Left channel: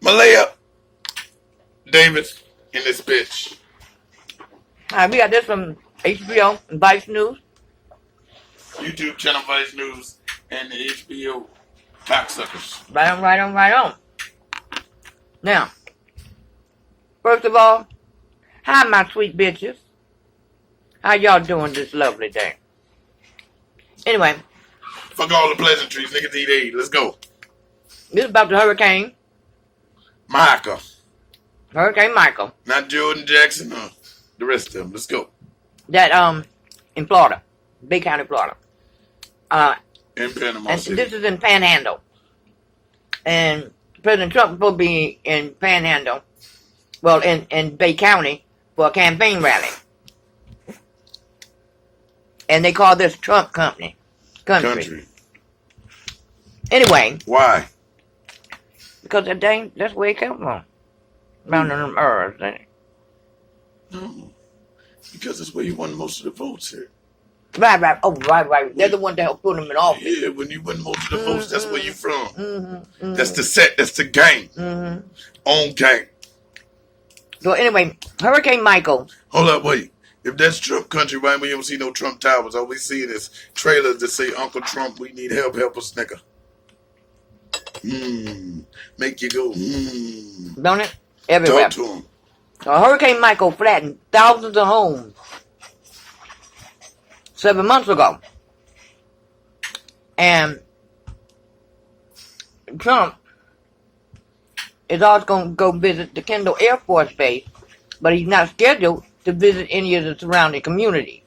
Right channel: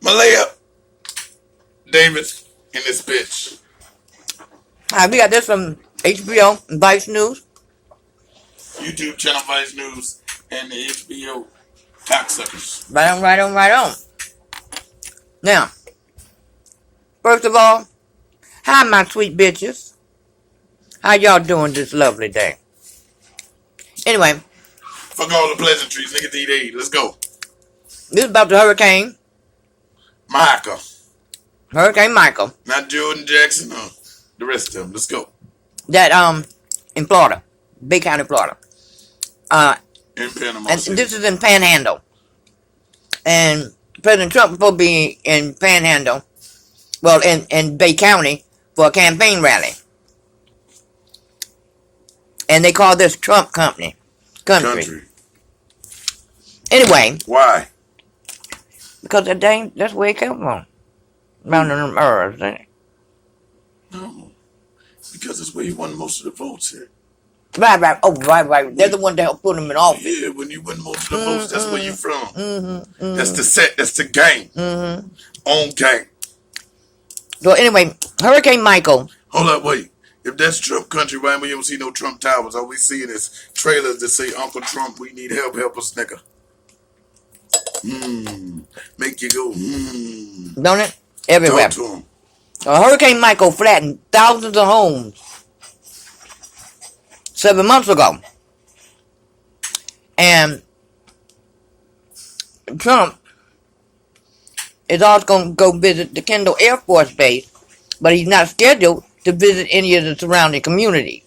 Malaya Davis in this bitch. We got this from HBO and Vice News. YouTube channel Vice News and the HBO cocksuckers. Right on, right on, right on. Now, first of all, hi my sweet bitches. How y'all doing this lovely day? Anyway. Fuck all the pleasantries, nigga TV. Let's go. This is about the hurricane. Michael. Hurricane Michael. Not Jordan Jackson, no. The rest of them. Let's go. That, in Florida. Bay County, Florida. In Panama and City. this is in Panhandle. And President Trump will be in Panhandle. Well, in Bay County for a campaign rally. And they call this Trump Country. Anyway. Why? Because that's where it come from. Around them herbs, ain't it? No. Because that's where you won most of the votes here. Right. Oh, right. They're the one that helped put him in office. Yeah, when you win most of the votes, that's where you from. That's the set. That's the game. On game. So anyway, Hurricane Michael. Hold up, wait. If that's Trump country, right, we don't see no Trump towers. All we see is trailers that say, Uncle Trump, we need help us, nigga. Make you go, Don't it? Everywhere. Talk to him. Hurricane Michael flattened thousands of homes 7 months ago. And Trump is also going to go visit the Kendall Air Force Base, but he's not scheduled to visit any of the surrounding communities.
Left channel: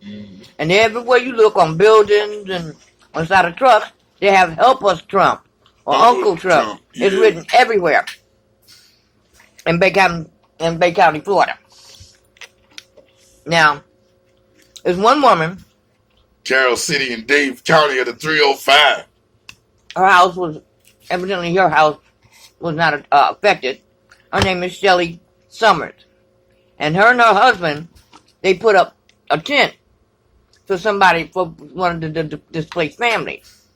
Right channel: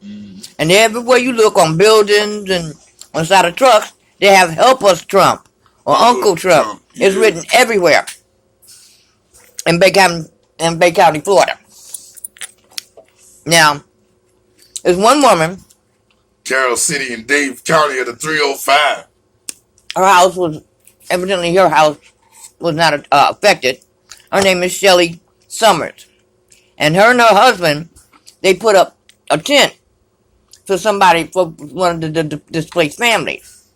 And everywhere you look on buildings and on the side of trucks, they have Help Us Trump or Uncle Trump. It's written everywhere in Bay County, Florida. Now, there's one woman. Carroll City and Dave County at the 305. Her house was, evidently her house was not affected. Her name is Shelly Summers. And her husband, they put up a tent for one of the displaced families.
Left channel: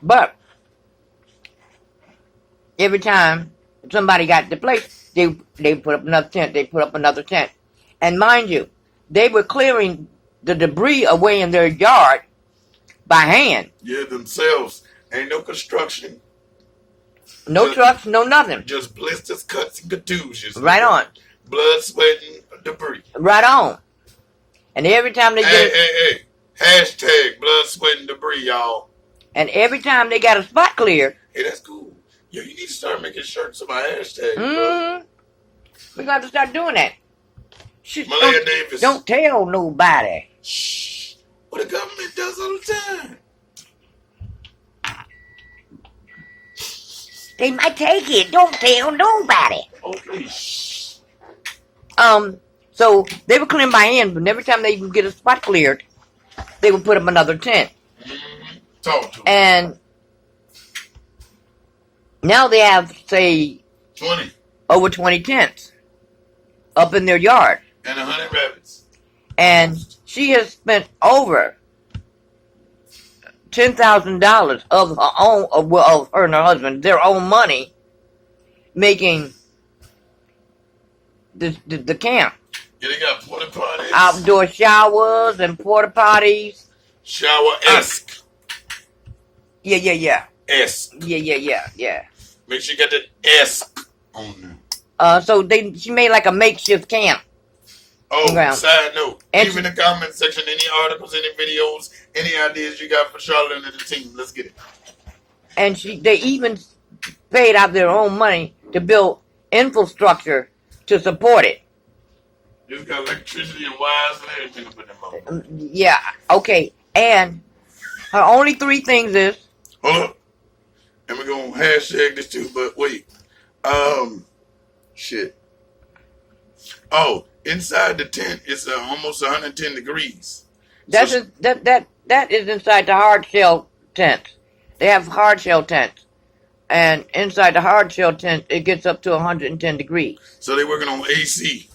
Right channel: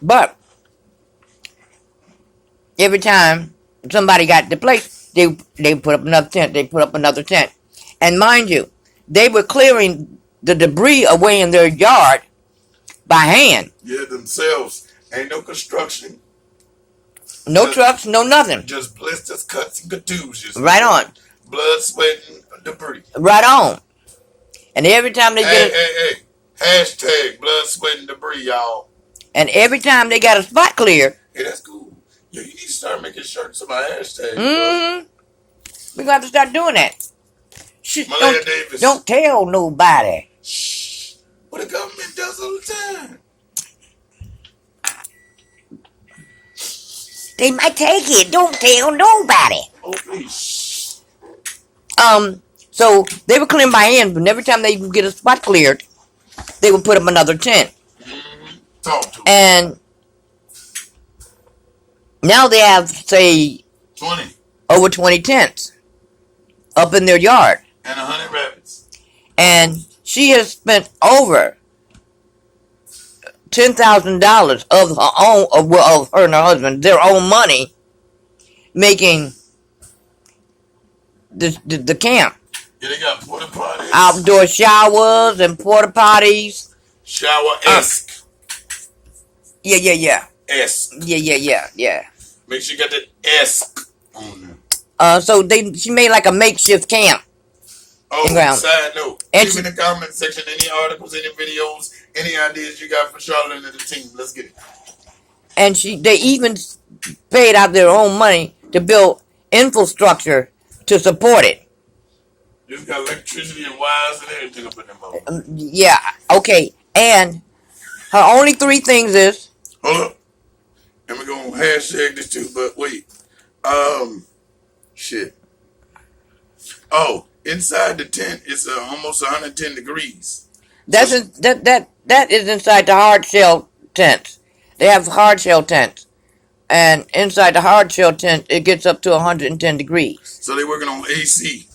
But every time somebody got displaced, they put up another tent. And mind you, they were clearing the debris away in their yard by hand. Yeah, themselves. Ain't no construction. No trucks, no nothing. Just blisters, cuts, and contusions. Right on. Blood, sweat, and debris. Right on. And every time they Hey. Hashtag blood, sweat, and debris, y'all. And every time they got a spot clear. Hey, that's cool. Yo, you need to start making shirts about hashtags. We're going to have to start doing that. Malaya Davis. Don't tell nobody. Shh. What the government does all the time. They might take it. Don't tell nobody. Oh, please. So they were clearing by hand, but every time they would get a spot cleared, they would put up another tent. Talk to them. And now they have, say, 20. Over 20 tents up in their yard. And 100 rabbits. And she has spent over $10,000 of her own, of her and her husband, their own money, making the camp. Yeah, they got porta potties. Outdoor showers and porta potties. Shower-esque. Yeah. Esque. Yeah. Make sure you got the esque on there. So she made like a makeshift camp. Oh, side note. Leave in the comment section any articles, any videos, any ideas you got for Charlotte and the team. Let's get it. And they even paid out their own money to build infrastructure to support it. It's got electricity and wires and everything up in the moment. Yeah, okay. And her only 3 things is... Hold up. And we're going to hashtag this too, but wait. Shit. Oh, inside the tent, it's almost 110 degrees. That is inside the hard shell tents. They have hard shell tents. And inside the hard shell tent, it gets up to 110 degrees. So they're working on AC.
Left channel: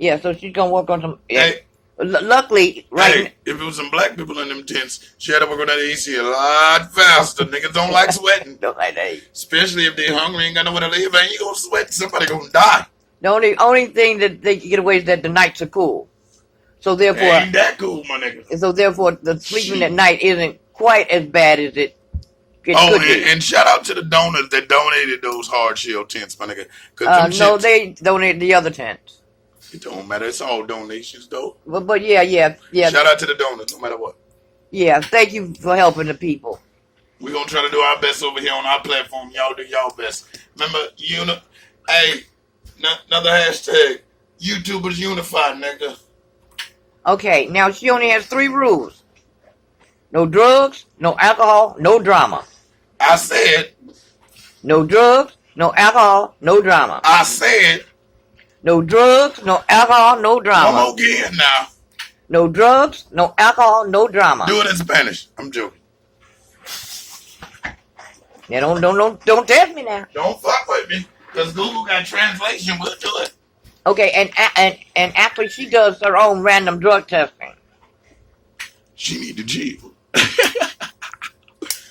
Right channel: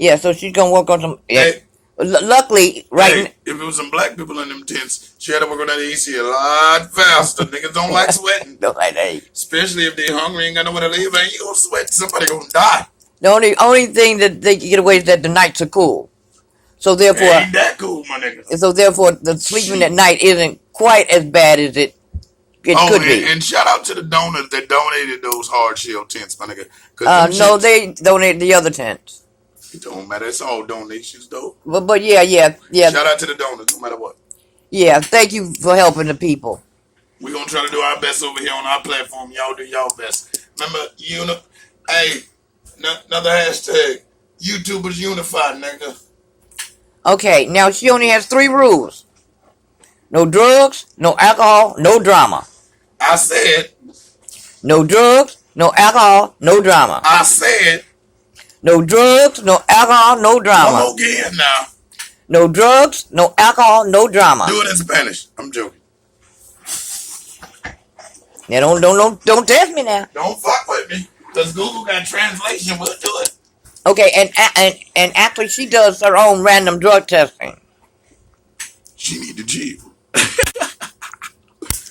Yeah, so she's going to work on some... Yeah. Hey, Luckily, right. Hey, if it was some black people in them tents, she had to work on that AC a lot faster. Niggas don't like sweating. No, I ain't. Especially if they hungry and got nowhere to live, and you gonna sweat, somebody gonna die. The only thing that they can get away is that the nights are cool. So therefore, ain't that cool, my nigga. So therefore, the sleeping at night isn't quite as bad as it could be. And shout out to the donors that donated those hard shell tents, my nigga. No, they donated the other tents. It don't matter. It's all donations, though. But yeah. Shout out to the donors, no matter what. Yeah, thank you for helping the people. We're going to try to do our best over here on our platform. Y'all do y'all best. Remember, hey, another hashtag. YouTubers unified, nigga. Okay, now she only has 3 rules. No drugs, no alcohol, no drama. I said. No drugs, no alcohol, no drama. I said. No drugs, no alcohol, no drama. Come again now. No drugs, no alcohol, no drama. Do it in Spanish. I'm joking. Now don't test me now. Don't fuck with me, cause Google got translation. We'll do it. Okay, and actually she does her own random drug testing. She need to chill.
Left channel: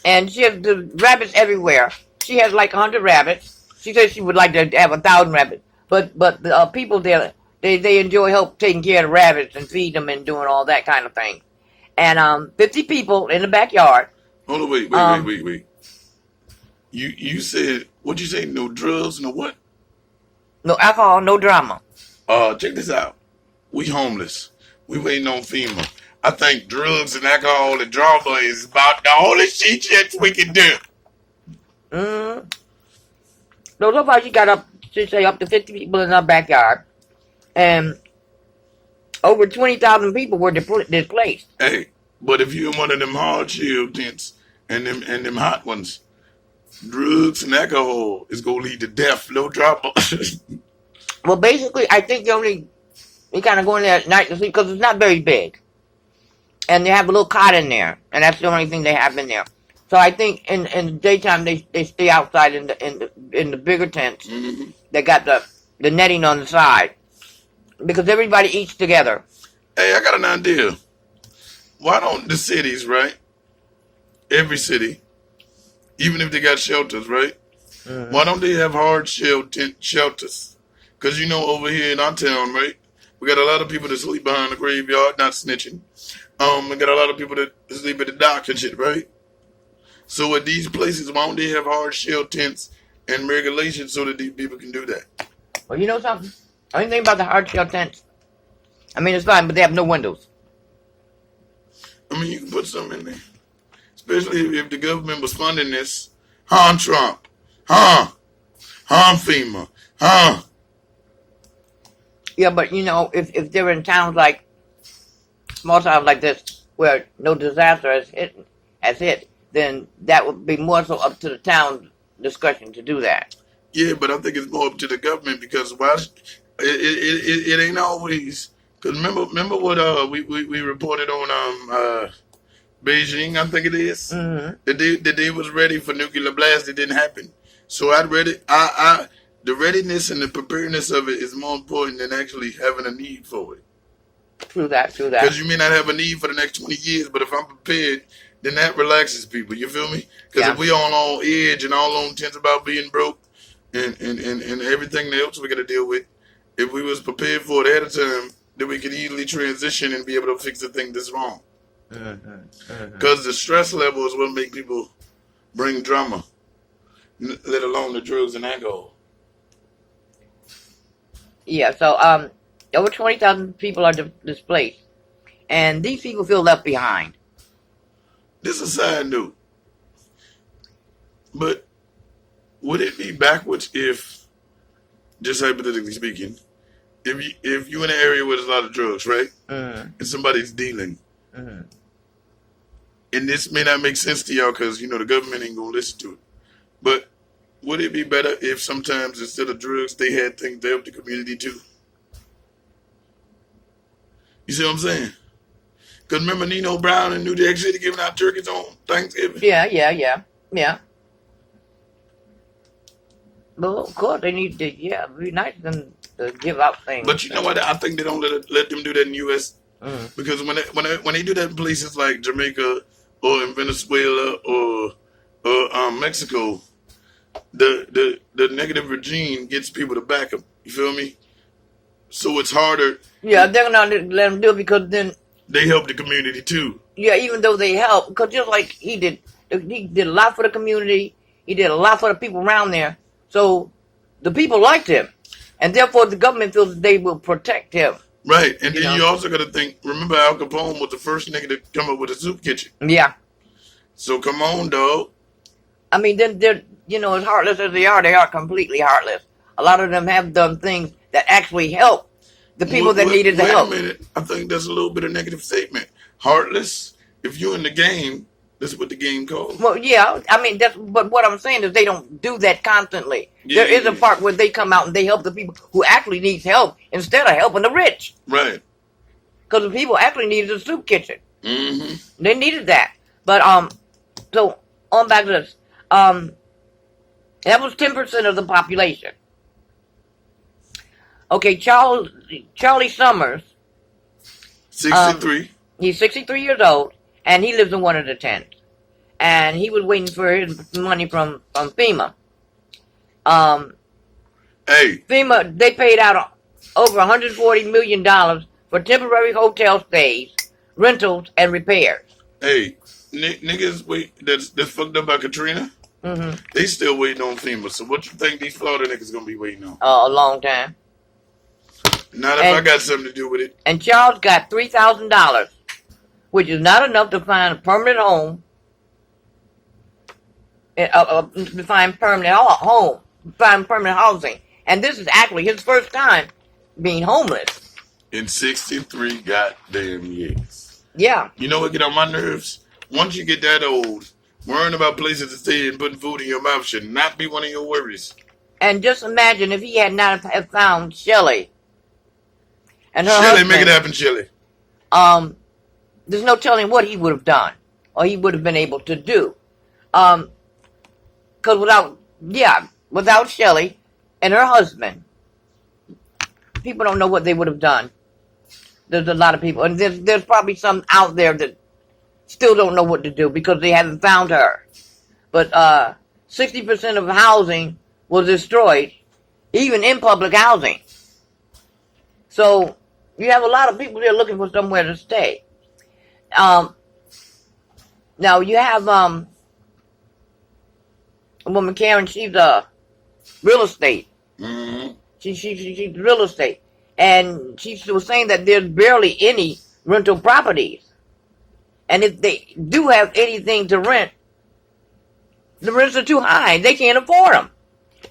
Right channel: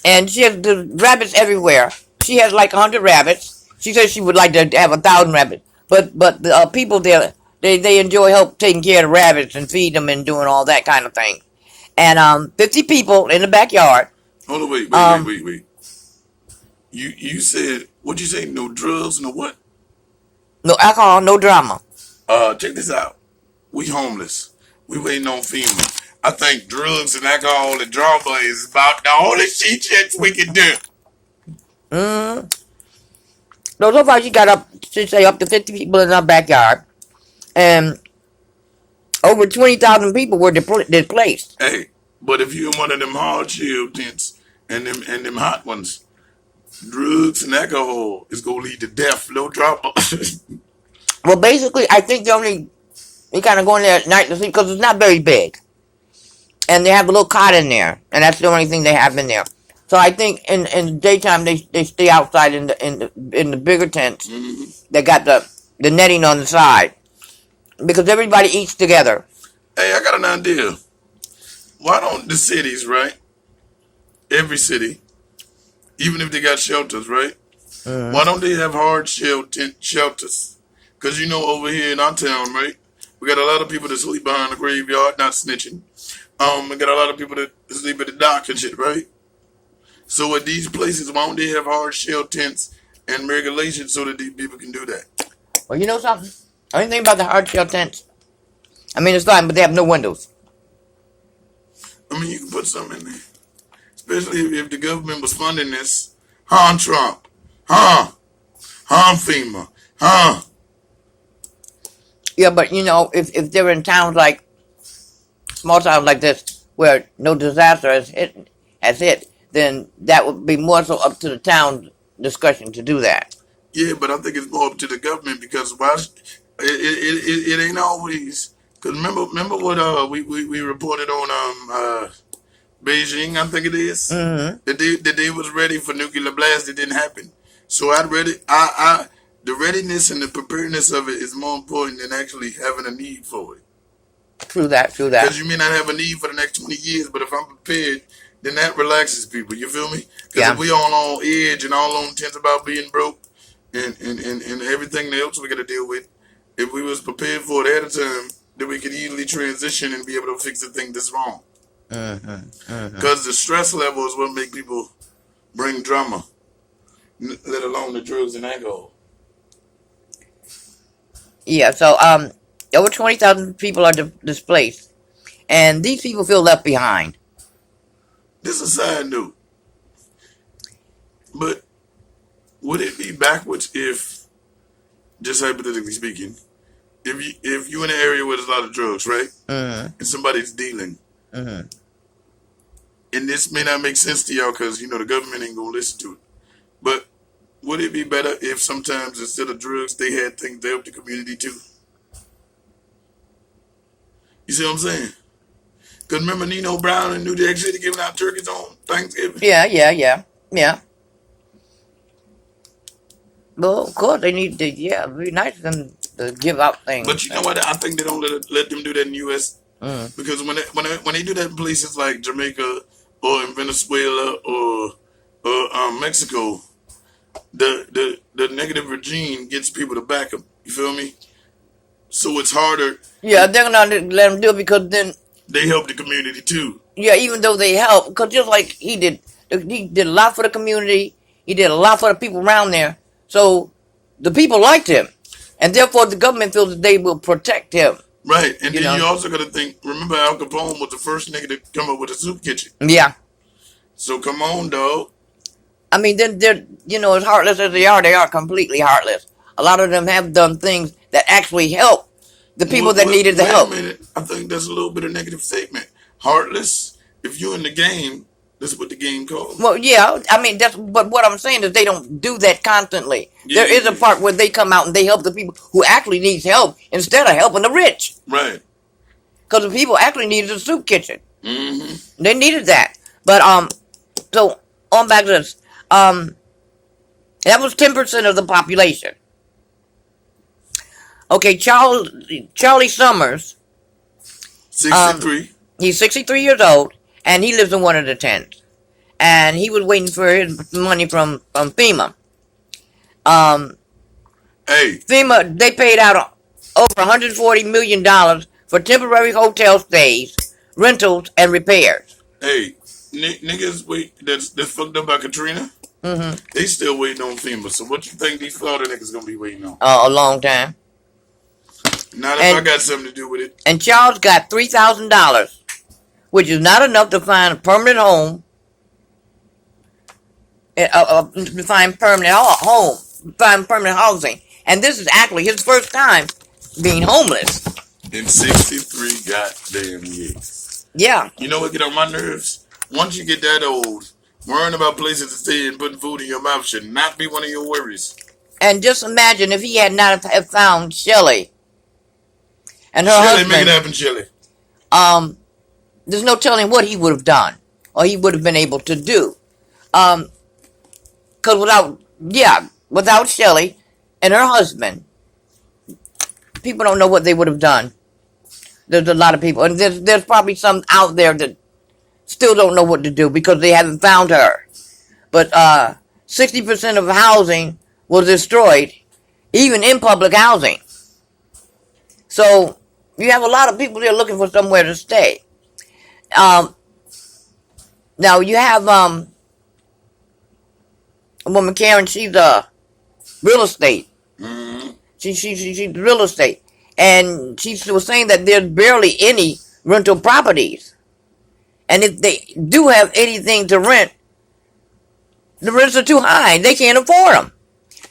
And she has the rabbits everywhere. She has like 100 rabbits. She says she would like to have 1,000 rabbits. But the people there, they enjoy help taking care of the rabbits and feed them and doing all that kind of thing. And 50 people in the backyard. Hold on, wait. You said, what'd you say? No drugs, no what? No alcohol, no drama. Check this out. We homeless. We waiting on FEMA. I think drugs and alcohol and drama is about the only shit we can do. No, so far she got up to 50 people in our backyard. And over 20,000 people were displaced. Hey, but if you're in one of them hard shell tents and them hot ones, drugs and alcohol is gonna lead to death. No drama. Well, basically, I think they kind of go in there at night to sleep because it's not very big. And they have a little cot in there. And that's the only thing they have in there. So I think in the daytime they stay outside in the bigger tents. Mm-hmm. That got the netting on the side. Because everybody eats together. Hey, I got an idea. Why don't the cities, right? Every city, even if they got shelters, right? Mm-hmm. Why don't they have hard shell tent shelters? Because over here in our town, right? We got a lot of people that sleep behind the graveyard, not snitching. We got a lot of people that sleep at the dock and shit, right? So at these places, why don't they have hard shell tents and regulations so that these people can do that? Well, you know something? I didn't think about the hard shell tents. I mean, it's fine, but they have no windows. I mean, you can put something in there. Especially if the government was funding this. Huh, Trump? Huh? FEMA? Huh? Yeah, but if they're in towns like, small towns like this, where no disaster has hit, then that would be more so up to the town discussion to do that. Yeah, but I think it's more up to the government because it ain't always. Because remember what we reported on Beijing, I think it is. Mm-hmm. The day was ready for nuclear blast. It didn't happen. So the readiness and the preparedness of it is more important than actually having a need for it. True that. Because you may not have a need for the next 20 years, but if I'm prepared, then that relaxes people. You feel me? Because if we all on edge and all on tense about being broke and everything else we got to deal with, if we was prepared for it ahead of time, then we could easily transition and be able to fix the thing that's wrong. Because the stress level is what make people bring drama, let alone the drugs and alcohol. Yeah, so over 20,000 people are displaced, and these people feel left behind. This is a side note, but would it be backwards if, just hypothetically speaking, if you're in an area where there's a lot of drugs, right, and somebody's dealing, and this may not make sense to y'all because the government ain't gonna listen to it, but would it be better if sometimes instead of drugs they had things to help the community too? You see what I'm saying? Because remember Nino Brown in New Jack City giving out turkeys on Thanksgiving? Yeah. Well, of course, they need to, it'd be nice for them to give out things. But you know what? I think they don't let them do that in the U.S. Because when they do that in places like Jamaica or in Venezuela or Mexico, the negative regime gets people to back them. You feel me? So it's harder. Yeah, they're not let them do it because then they help the community too. Yeah, even though they help, because just like he did a lot for the community. He did a lot for the people around there. So the people liked him, and therefore the government feels that they will protect him. Right, and then you also got to think. Remember, Al Capone was the first nigga to come up with a soup kitchen. Yeah. So come on, dog. I mean, they're as heartless as they are completely heartless. A lot of them have done things that actually help the people that needed the help. Wait a minute. I think that's a little bit of negative statement. Heartless. If you're in the game, that's what the game calls. Well, yeah. I mean, but what I'm saying is they don't do that constantly. Yeah, there is a part where they come out and they help the people who actually needs help instead of helping the rich. Right. Because the people actually needed a soup kitchen. Mm-hmm. They needed that. But so on back to this. That was 10% of the population. Okay, Charlie Summers. 63. He's 63 years old, and he lives in one of the tents. And he was waiting for his money from FEMA. FEMA, they paid out over $140 million for temporary hotel stays, rentals, and repairs. Hey, niggas that's fucked up by Katrina, they still waiting on FEMA. So what you think these Florida niggas gonna be waiting on? A long time. Not if I got something to do with it. And Charles got $3,000, which is not enough to find a permanent home, to find permanent home, find permanent housing. And this is actually his first time being homeless. In 63 goddamn years. Yeah. You know what get on my nerves? Once you get that old, worrying about places to stay and putting food in your mouth should not be one of your worries. And just imagine if he had not have found Shelly. And her Shelly, husband, make it happen, Shelly. There's no telling what he would have done or he would have been able to do. Because without Shelly and her husband, people don't know what they would have done. There's a lot of people, and there's probably some out there that still don't know what to do because they haven't found her. But 60% of housing was destroyed, even in public housing. So you have a lot of people there looking for somewhere to stay. Now you have a woman, Karen. She's real estate. Mm-hmm. She's real estate, and she was saying that there's barely any rental properties, and if they do have anything to rent, the rents are too high. They can't afford them.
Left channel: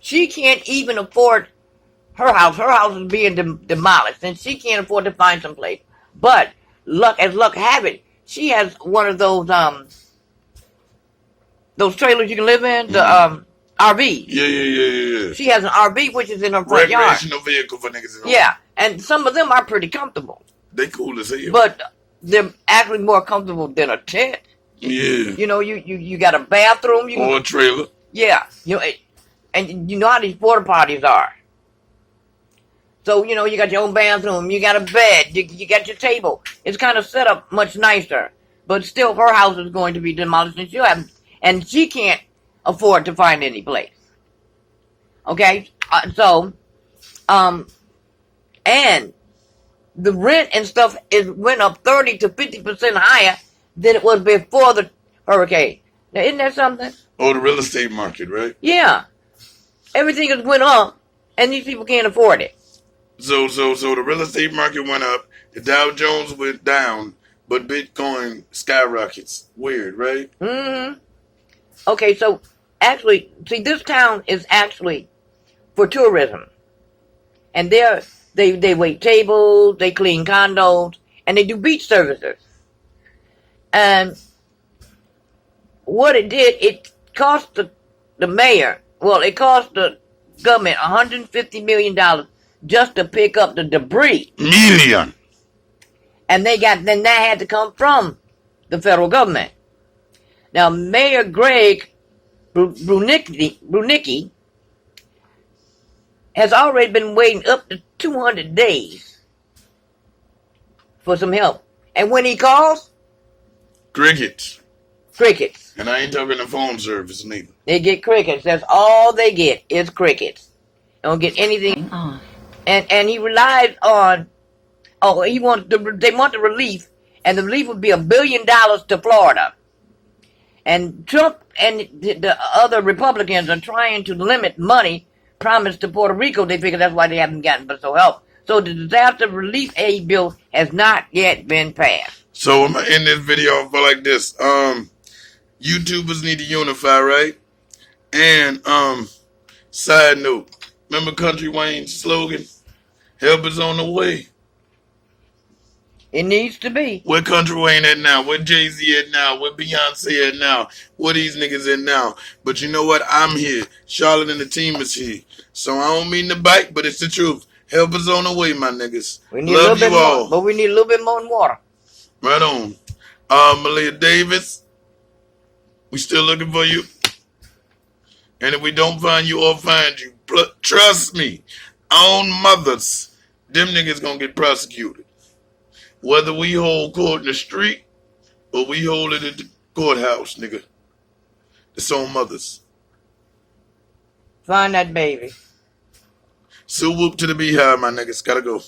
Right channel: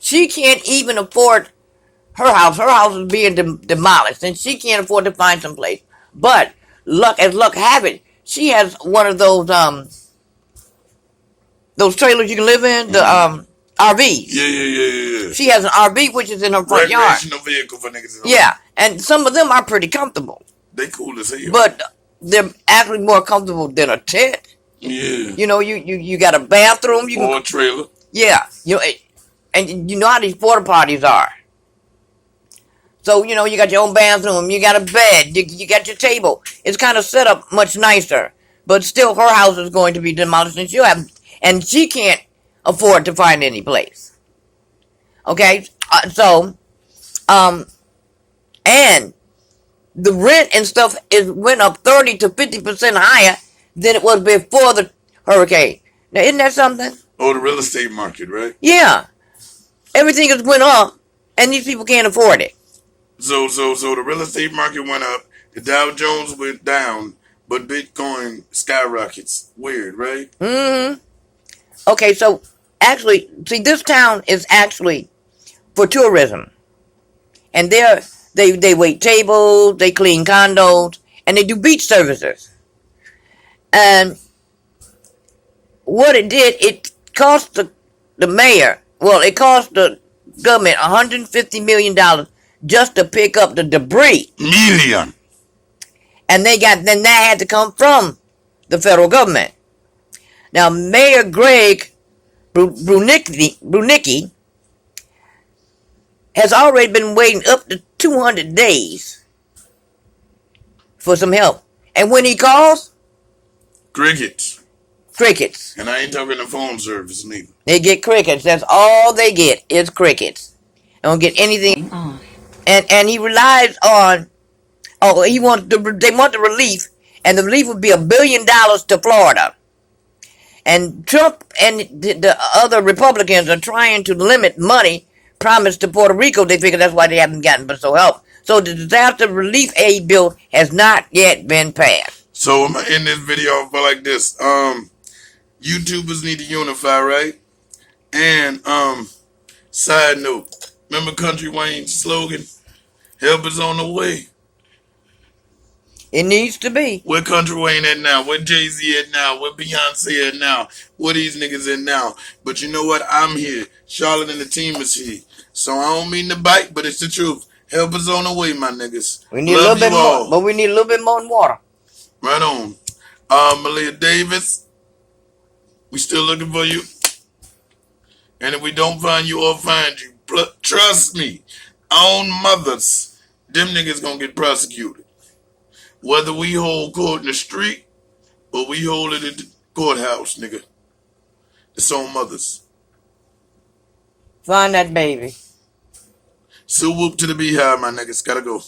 She can't even afford her house. Her house is being demolished, and she can't afford to find some place. But luck have it, she has one of those trailers you can live in, the RVs. Yeah. She has an RV which is in her front yard. Recreational vehicle for niggas. Yeah, and some of them are pretty comfortable. They cool as hell. But they're actually more comfortable than a tent. Yeah. You know, you got a bathroom. Or a trailer. Yeah. And you know how these porta potties are. So, you got your own bathroom, you got a bed, you got your table. It's kind of set up much nicer. But still, her house is going to be demolished, and she can't afford to find any place. Okay? And the rent and stuff went up 30 to 50% higher than it was before the hurricane. Now, isn't that something? Oh, the real estate market, right? Yeah. Everything has went up, and these people can't afford it. So the real estate market went up, the Dow Jones went down, but Bitcoin skyrockets. Weird, right? Mm-hmm. Okay, so actually, see, this town is actually for tourism. And they wait tables, they clean condos, and they do beach services. And what it did, it cost the mayor, it cost the government $150 million just to pick up the debris. Million. And then that had to come from the federal government. Now, Mayor Greg Brunicki has already been waiting up to 200 days for some help. And when he calls, Crickets. crickets. And I ain't talking the phone service neither. They get crickets. That's all they get is crickets. They don't get anything. And he relies on, they want the relief, and the relief would be $1 billion to Florida. And Trump and the other Republicans are trying to limit money promised to Puerto Rico. They figure that's why they haven't gotten but so help. So the disaster relief aid bill has not yet been passed. So I'm gonna end this video off like this. YouTubers need to unify, right? And side note, remember Country Wayne's slogan? Help is on the way. It needs to be. Where Country Wayne at now? Where Jay-Z at now? Where Beyonce at now? Where these niggas at now? But you know what? I'm here. Charlotte and the team is here. So I don't mean to bite, but it's the truth. Help is on the way, my niggas. We need a little bit more, but we need a little bit more water. Right on. Malia Davis, we still looking for you. And if we don't find you or find you, trust me, on mothers, them niggas gonna get prosecuted. Whether we hold court in the street or we hold it at the courthouse, nigga. It's on mothers. Find that baby. So whoop to the beehive, my niggas. Gotta go.